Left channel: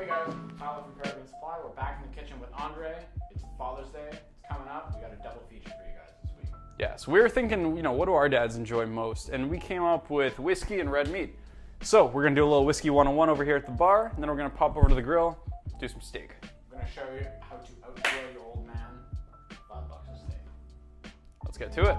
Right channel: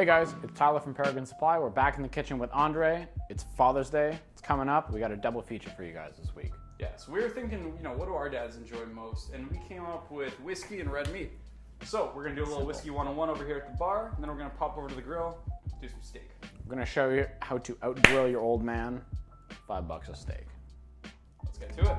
Hey guys, it's Tyler from Paragon Supply. We're back in the kitchen with Andre. It's Father's Day. It's coming up. We got a double feature for you guys this week. Yeah, so we were thinking, what do our dads enjoy most? And we came up with whiskey and red meat. So we're gonna do a little whiskey 101 over here at the bar, and then we're gonna pop over to the grill, do some steak. We're gonna show you how to outgrill your old man. $5 a steak. Let's get to it.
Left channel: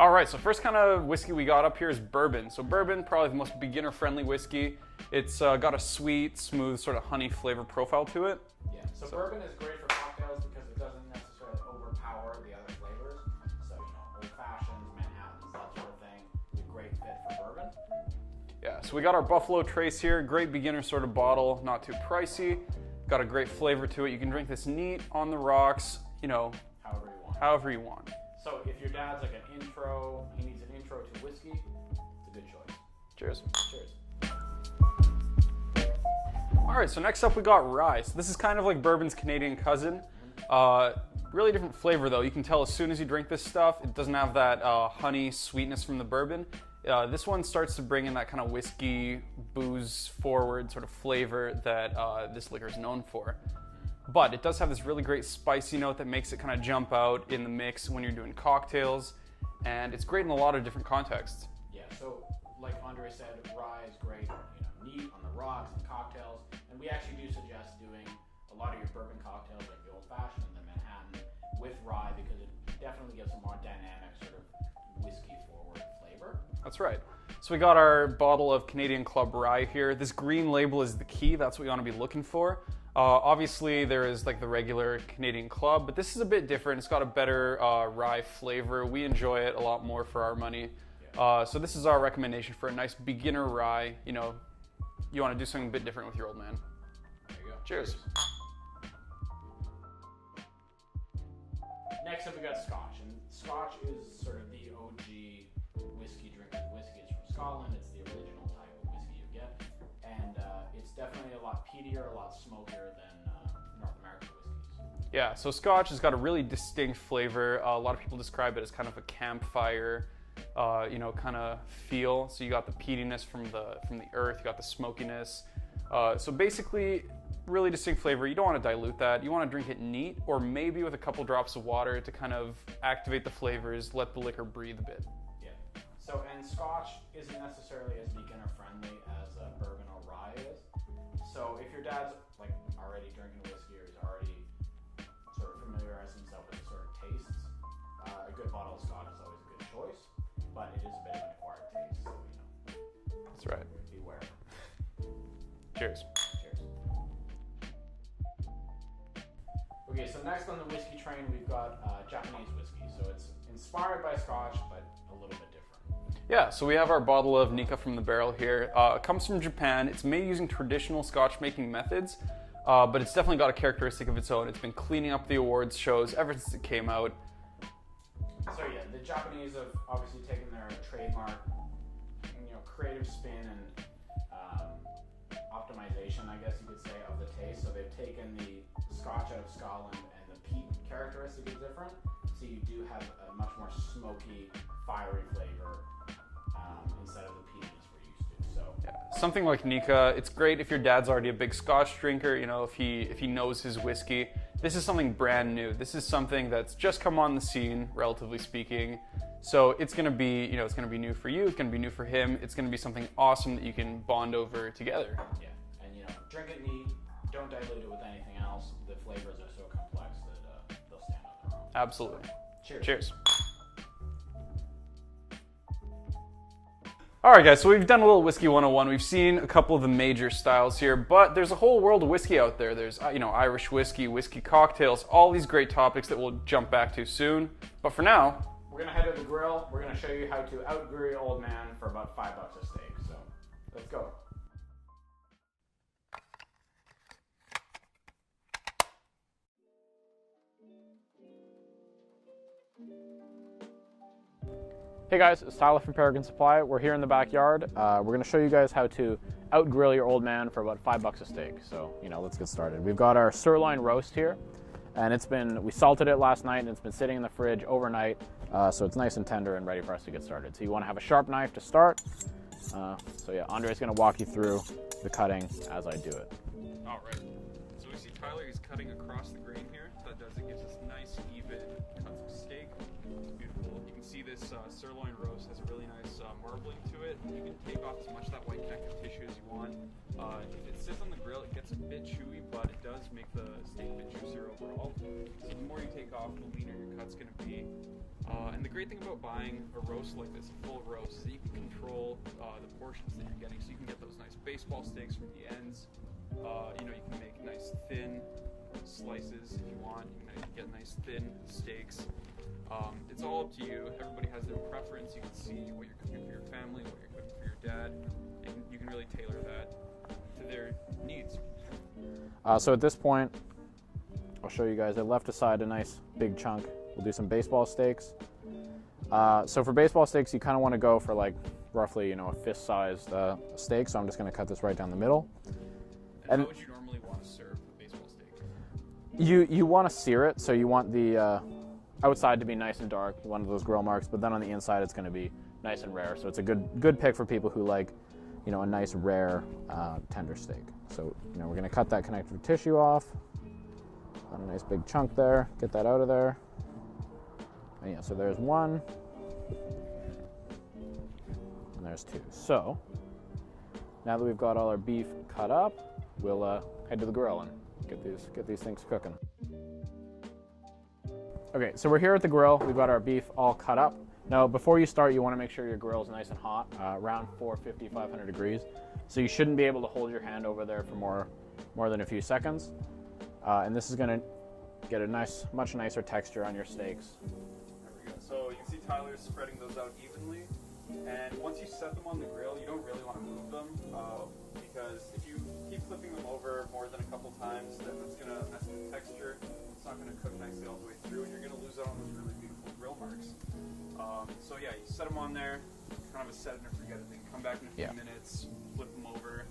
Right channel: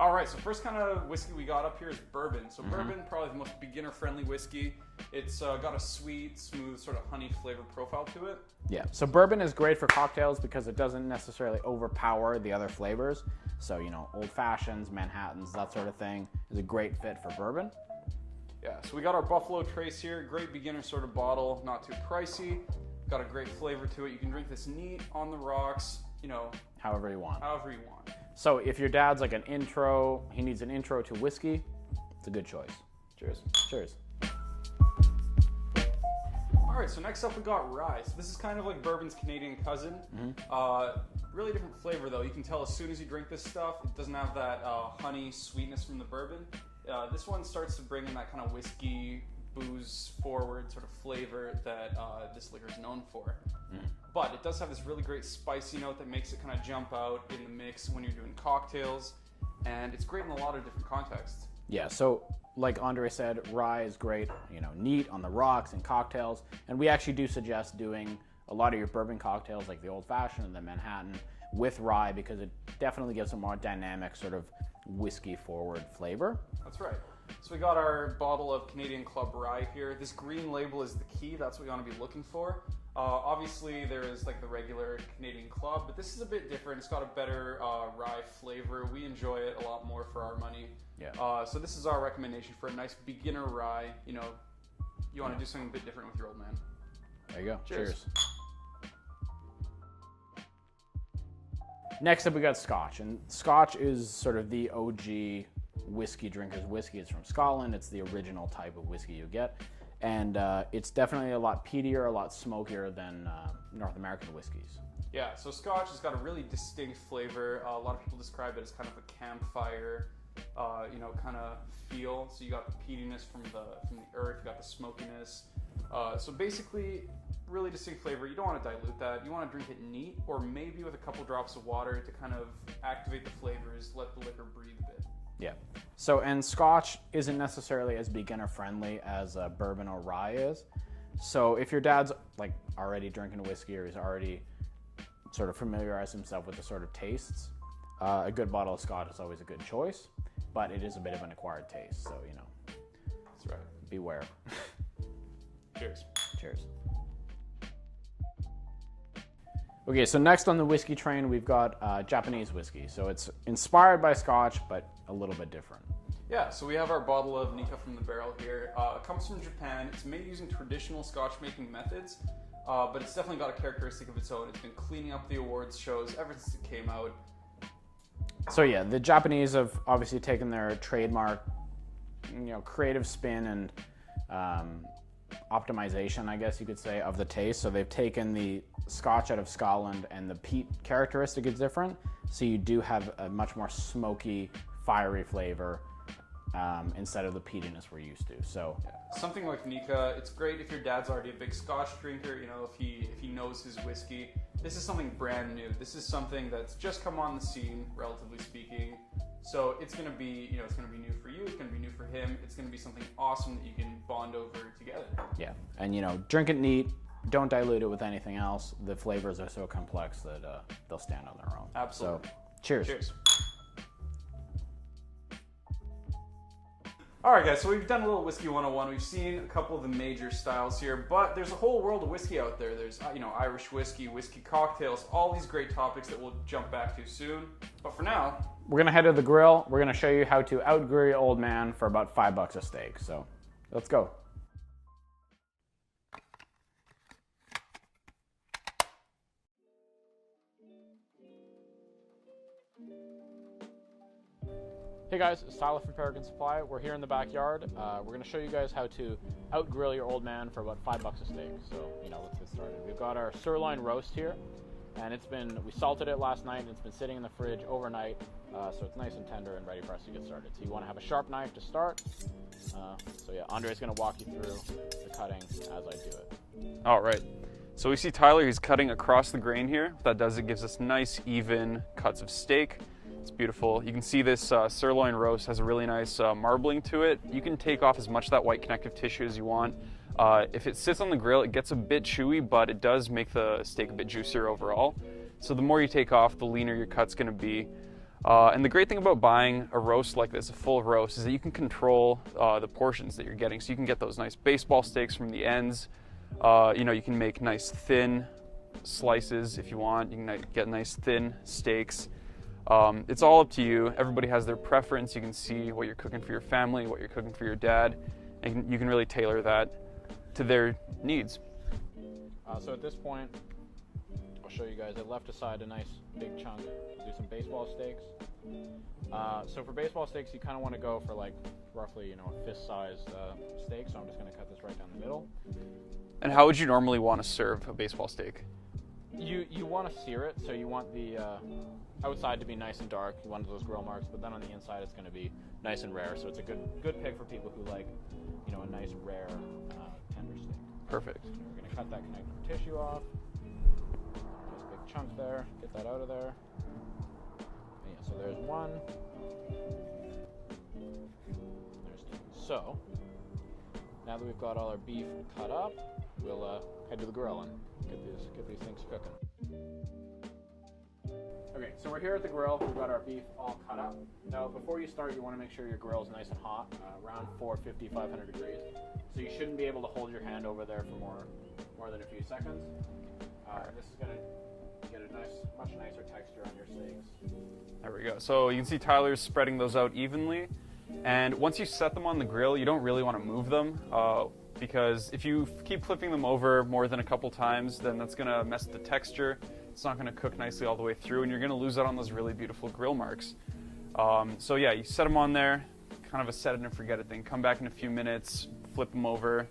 All right, so first kind of whiskey we got up here is bourbon. So bourbon, probably the most beginner-friendly whiskey. It's got a sweet, smooth, sort of honey flavor profile to it. Yeah, so bourbon is great for cocktails because it doesn't necessarily overpower the other flavors. So, old fashions, Manhattans, that sort of thing is a great fit for bourbon. Yeah, so we got our Buffalo Trace here. Great beginner sort of bottle, not too pricey. Got a great flavor to it. You can drink this neat, on the rocks, however you want. However you want. So if your dad's like he needs an intro to whiskey, it's a good choice. Cheers. Cheers. All right, so next up we got rye. So this is kind of like bourbon's Canadian cousin. Really different flavor though. You can tell as soon as you drink this stuff, it doesn't have that honey sweetness from the bourbon. This one starts to bring in that kind of whiskey, booze forward sort of flavor that this liquor is known for. But it does have this really great spicy note that makes it kind of jump out in the mix when you're doing cocktails. And it's great in a lot of different contexts. Yeah, so like Andre said, rye is great, neat on the rocks and cocktails. And we actually do suggest doing a lot of your bourbon cocktails like the Old Fashioned and the Manhattan with rye because it definitely gives a more dynamic sort of whiskey forward flavor. That's right. So we got our bottle of Canadian Club rye here. This green label is the key. That's what you want to be looking for. Obviously there is like the regular Canadian Club, but this is a bit different. It's got a better rye flavor. We enjoy it a lot more for our money. Yeah. So this is our recommendation for a nice beginner rye. You want to do something a bit different with your old man. There you go. Cheers. Next up we got Scotch, and Scotch is sort of the OG whiskey drinkers whiskey. It's from Scotland. It's the original type of whiskey you get. And it's definitely a lot peatier, a lot smokier than North American whiskeys. Yeah, so Scotch has got a really distinct flavor. A lot of people describe it as kind of a campfire, kind of feel. So you got the peatiness from the earth, you got the smokiness. So basically, really distinct flavor. You don't want to dilute that. You want to drink it neat, or maybe with a couple drops of water to kind of activate the flavors, let the liquor breathe a bit. Yeah. So, and Scotch isn't necessarily as beginner friendly as bourbon or rye is. So if your dad's like already drinking whiskey or he's already sort of familiarized himself with the sort of tastes, a good bottle of Scotch is always a good choice, but it is a bit of an acquired taste. So, That's right. beware. Cheers. Cheers. Okay, so next on the whiskey train, we've got Japanese whiskey. So it's inspired by Scotch, but a little bit different. Yeah, so we have our bottle of Nikka from the barrel here. It comes from Japan. It's made using traditional Scotch making methods, but it's definitely got a characteristic of its own. It's been cleaning up the awards shows ever since it came out. So yeah, the Japanese have obviously taken their trademark, creative spin and optimization, I guess you could say, of the taste. So they've taken the Scotch out of Scotland and the peat characteristic is different. So you do have a much more smoky, fiery flavor instead of the peatiness we're used to. So something like Nikka, it's great if your dad's already a big Scotch drinker, if he knows his whiskey. This is something brand new. This is something that's just come on the scene, relatively speaking. So it's gonna be, it's gonna be new for you, it's gonna be new for him, it's gonna be something awesome that you can bond over together. Yeah, and drink it neat, don't dilute it with anything else. The flavors are so complex that they'll stand on their own. Absolutely. So, cheers. Cheers. All right, guys, so we've done a little Whiskey 101. We've seen a couple of the major styles here, but there's a whole world of whiskey out there. There's, Irish whiskey, whiskey cocktails, all these great topics that we'll jump back to soon. But for now, we're gonna head to the grill. We're gonna show you how to outgrill your old man for about $5 a steak. So let's go. Hey guys, it's Tyler from Paragon Supply. We're here in the backyard. We're gonna show you guys how to outgrill your old man for about $5 a steak. So, let's get started. We've got our sirloin roast here. And we salted it last night, and it's been sitting in the fridge overnight, so it's nice and tender and ready for us to get started. So you want to have a sharp knife to start. So yeah, Andrei's going to walk you through the cutting as I do it. All right. So we see Tyler, he's cutting across the grain here. What that does, it gives us nice, even cuts of steak. It's beautiful. You can see this sirloin roast has a really nice marbling to it. You can take off as much of that white connective tissue as you want. If it sits on the grill, it gets a bit chewy, but it does make the steak a bit juicier overall. So the more you take off, the leaner your cut's gonna be. And the great thing about buying a roast like this, a full roast, is that you can control the portions that you're getting. So you can get those nice baseball steaks from the ends. You can make nice thin slices if you want. You can get nice thin steaks. It's all up to you. Everybody has their preference. You can see what you're cooking for your family, what you're cooking for your dad, and you can really tailor that to their needs. So at this point, I'll show you guys. I left aside a nice big chunk. We'll do some baseball steaks. So for baseball steaks, you kind of want to go for like roughly, a fist-sized steak. So I'm just going to cut this right down the middle. And how would you normally want to serve a baseball steak? You want to sear it, so you want the outside to be nice and dark. You want those grill marks, but then on the inside it's going to be nice and rare. So it's a good pick for people who like, a nice rare tender steak. Perfect. So, we're going to cut that connective tissue off. On a nice big chunk there. Get that out of there. And yeah, so there's one. And there's two. So now that we've got all our beef cut up, we'll head to the grill and get these things cooking. Okay, so we're here at the grill. We've got our beef all cut up. Now, before you start, you want to make sure your grill is nice and hot, around 450, 500 degrees. So you shouldn't be able to hold your hand over there for more than a few seconds. And this is going to get a much nicer texture on your steaks. There we go. So you can see Tyler's spreading those out evenly. And once you set them on the grill, you don't really want to move them because if you keep flipping them over more than a couple times, then that's going to mess with the texture. It's not going to cook nicely all the way through, and you're going to lose out on those really beautiful grill marks. So yeah, you set them on there, kind of a set it and forget it thing. Come back in a few minutes, flip them over.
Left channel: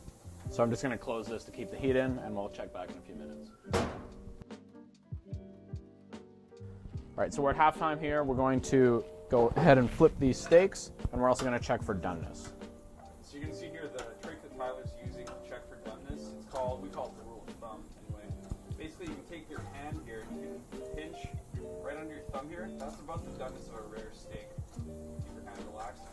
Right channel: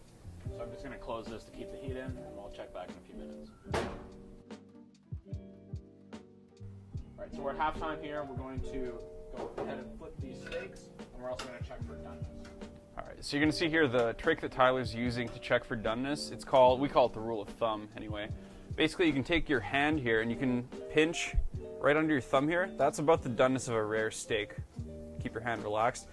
So I'm just going to close this to keep the heat in, and we'll check back in a few minutes. All right, so we're at halftime here. We're going to go ahead and flip these steaks, and we're also going to check for doneness. All right, so you're going to see here the trick that Tyler's using to check for doneness. We call it the rule of thumb anyway. Basically, you can take your hand here and you can pinch right under your thumb here. That's about the doneness of a rare steak. Keep your hand relaxed.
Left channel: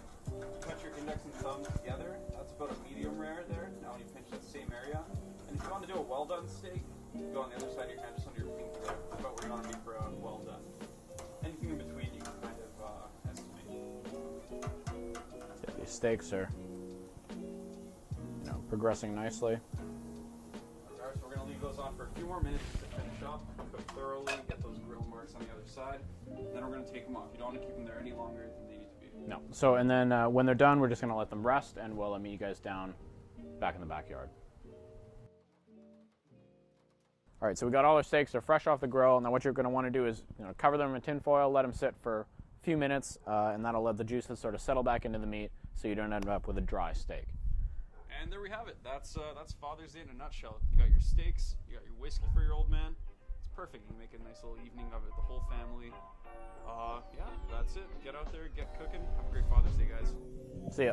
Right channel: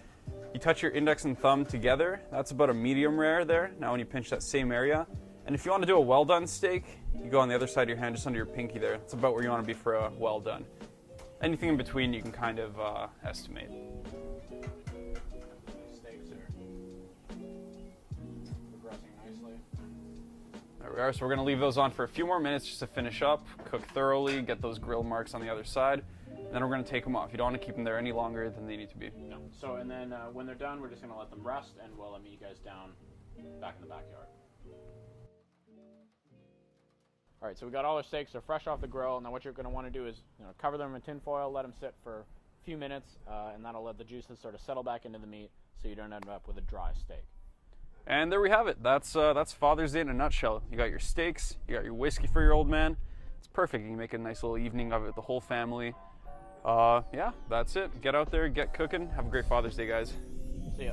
You touch your index and thumb together. That's about a medium rare there. Now when you pinch that same area. And if you want to do a well done steak, you go on the other side of your hand, just under your pinky there. That's about where you want to be for a well done. Anything in between you can kind of estimate. These steaks are progressing nicely. There we are. So we're going to leave those on for a few more minutes just to finish up, cook thoroughly, get those grill marks on the other side. And then we're going to take them off. You don't want to keep them there any longer than they need to be. No. So, and then when they're done, we're just going to let them rest, and we'll meet you guys down back in the backyard. All right, so we got all our steaks. They're fresh off the grill. Now what you're going to want to do is cover them in tin foil, let them sit for a few minutes, and that'll let the juices sort of settle back into the meat so you don't end up with a dry steak. And there we have it. That's Father's Day in a nutshell. You got your steaks, you got your whiskey for your old man. It's perfect. You can make a nice little evening of it with the whole family. Yeah, that's it. Get out there, get cooking. Have a great Father's Day, guys. See ya.